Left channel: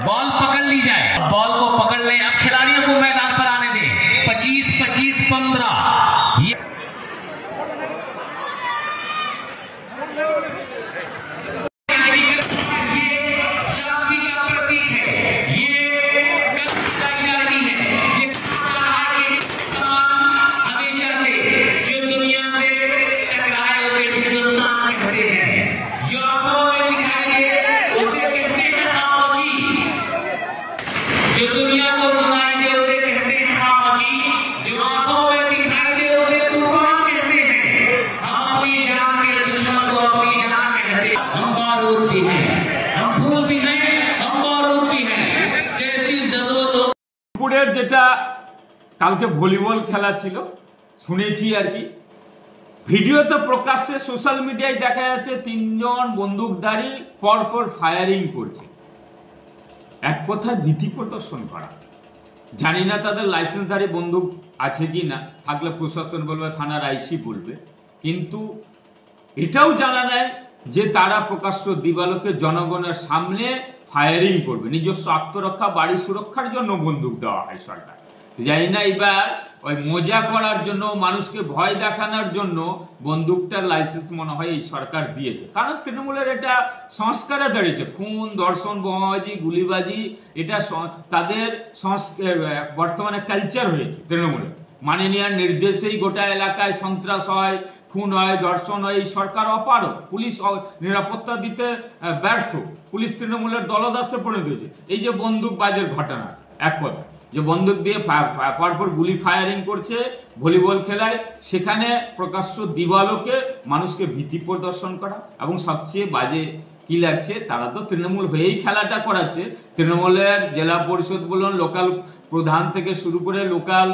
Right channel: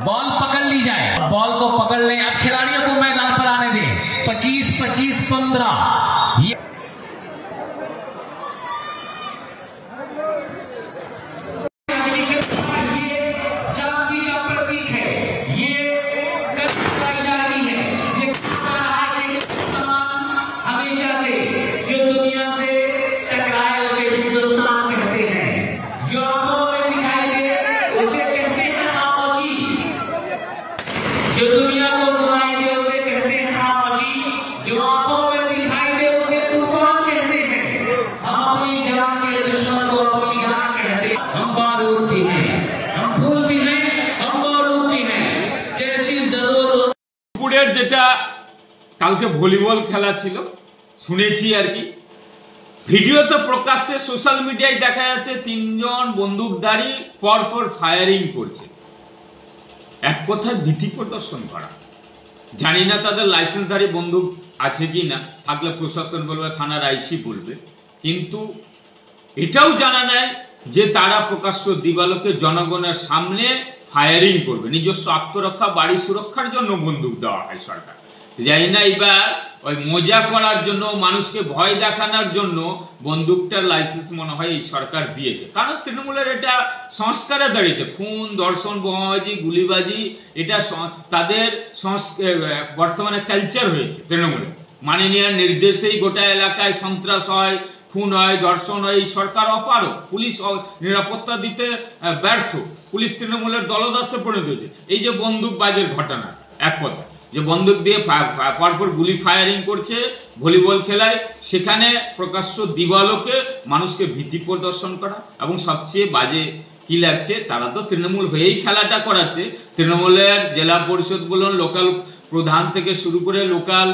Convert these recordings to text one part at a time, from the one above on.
Ball पकड़ ली जाए, ball को पकड़ ले, अब खिलाड़ियों को मैदान पर आने दें। 25-15 ये शांति का प्रतीक है, ये कामयाबी है, ये हमेशा से जो दुनिया से टकराए हुए हिंदुस्तान खड़े हैं, जो आंखों में दिखाई दे उसे कहते हैं खामोशी, जो दुनिया को सुनाई दे उसे कहते हैं खामोशी, जो आंखों में दिखाई दे उसे तूफान कहते हैं। हम अपनी जान के दुश्मन को अपनी जान कहते हैं। हम बारूद भी हैं, हम फूल भी हैं, हम बारूद भी हैं, जैसी जरूरत। দুপুরের যেটা কালকে ভলিবল খেলা ছিল শুনেছি আর কি, ভিডিও তো প্রকাশ্যে সোশ্যাল মিডিয়ায় দেখা যাচ্ছে তিনজন বন্দুকধারী পরপর ফায়ারিং করছে। এক কথায় ভীতি প্রদর্শন করা। জানি না তাদের লাইসেন্সধারী বন্দুক আছে কি না, থাকলে প্রশাসন বলবে, থানার আইসি বলবে, কিন্তু এটাও জানা নেয় যে তারা প্রকাশ্য দিবালোকে জনগণের সামনে ফায়ারিং করবে। নিজস্ব আত্মরক্ষা, বাড়ি সুরক্ষার জন্য বন্দুক দেওয়া হয় সরকার। জানি না এবার ওই মজা করার জন্য, মানুষকে ভয় দেখানোর জন্য বন্দুকটার লাইসেন্স মনে হয় এই সরকার দিয়েছে। কারণ তৃণমূলের এটা সংস্কারে দাঁড়িয়েছে, খুন, ধর্ষণ, বোমাবাজি, গুলিবাজি, এটা তাদের বর্তমানে কালচার হয়েছে তৃণমূলের। মাননীয় নির্দেশেই গোটা এলাকায় সন্ত্রাস হয়, খুন হয়, ধর্ষণ হয়। এই সরকার অপারগ, পুলিশ নিরাপত্তা দিতে ব্যর্থ, পুলিশ তৃণমূলের দলদাসে পরিণত হয়েছে। এই যে বন্দুকবাজের ঘটনা, এক কথা যে বন্দুক দিয়ে পরপর গুলি ফায়ারিং করছে ভলিবল খেলায়, সেখানে প্রকাশ্য দিবালোকে মানুষকে ভীতি প্রদর্শন করা। এবং সবচেয়ে বাজে কি লাগছে, তারা তো তৃণমূল হয়েই খেলাটা করাচ্ছে। তৃণমূলের জেলা পরিষদ বলুন, লোকাল প্রধান থেকে শুরু করে, লোকাল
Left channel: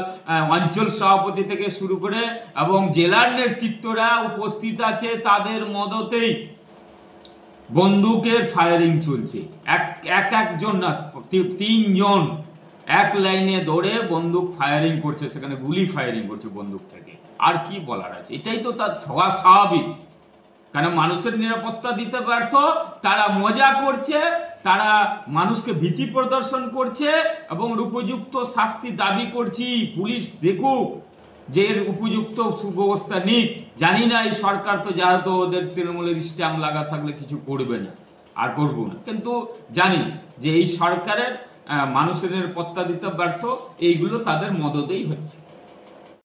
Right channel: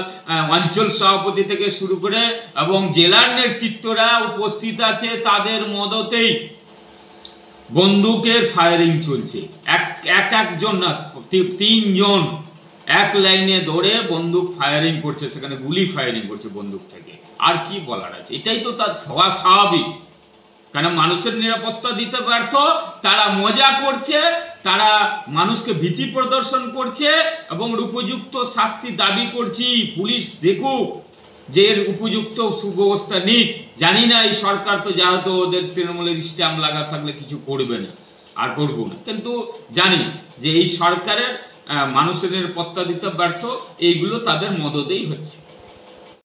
অঞ্চল সভাপতি থেকে শুরু করে এবং জেলার নেতৃত্বরা উপস্থিত আছে, তাদের মদতেই বন্দুকের ফায়ারিং চলছে। একজন না, তিনজন এক লাইনে ধরে বন্দুক ফায়ারিং করছে, সেখানে গুলি ফায়ারিং করছে বন্দুক থেকে। আর কি বলার আছে, এটাই তো তার স্বাভাবিক। কারণ মানুষের নিরাপত্তা দিতে ব্যর্থ, তারা মজা করছে, তারা মানুষকে ভীতি প্রদর্শন করছে এবং উপযুক্ত শাস্তি দাবি করছি। পুলিশ দেখুক যে এর উপযুক্ত সুব্যবস্থা নিক। জানি না এই সরকার তো যেহেতু ওদের তৃণমূলের স্ট্যাম্প লাগা থাকলে কিছু করবে না, আর করবো না, কিন্তু জানি যে এই সরকারের মানুষের নিরাপত্তা দিতে ব্যর্থ, এইগুলো তাদের মদতেই হচ্ছে।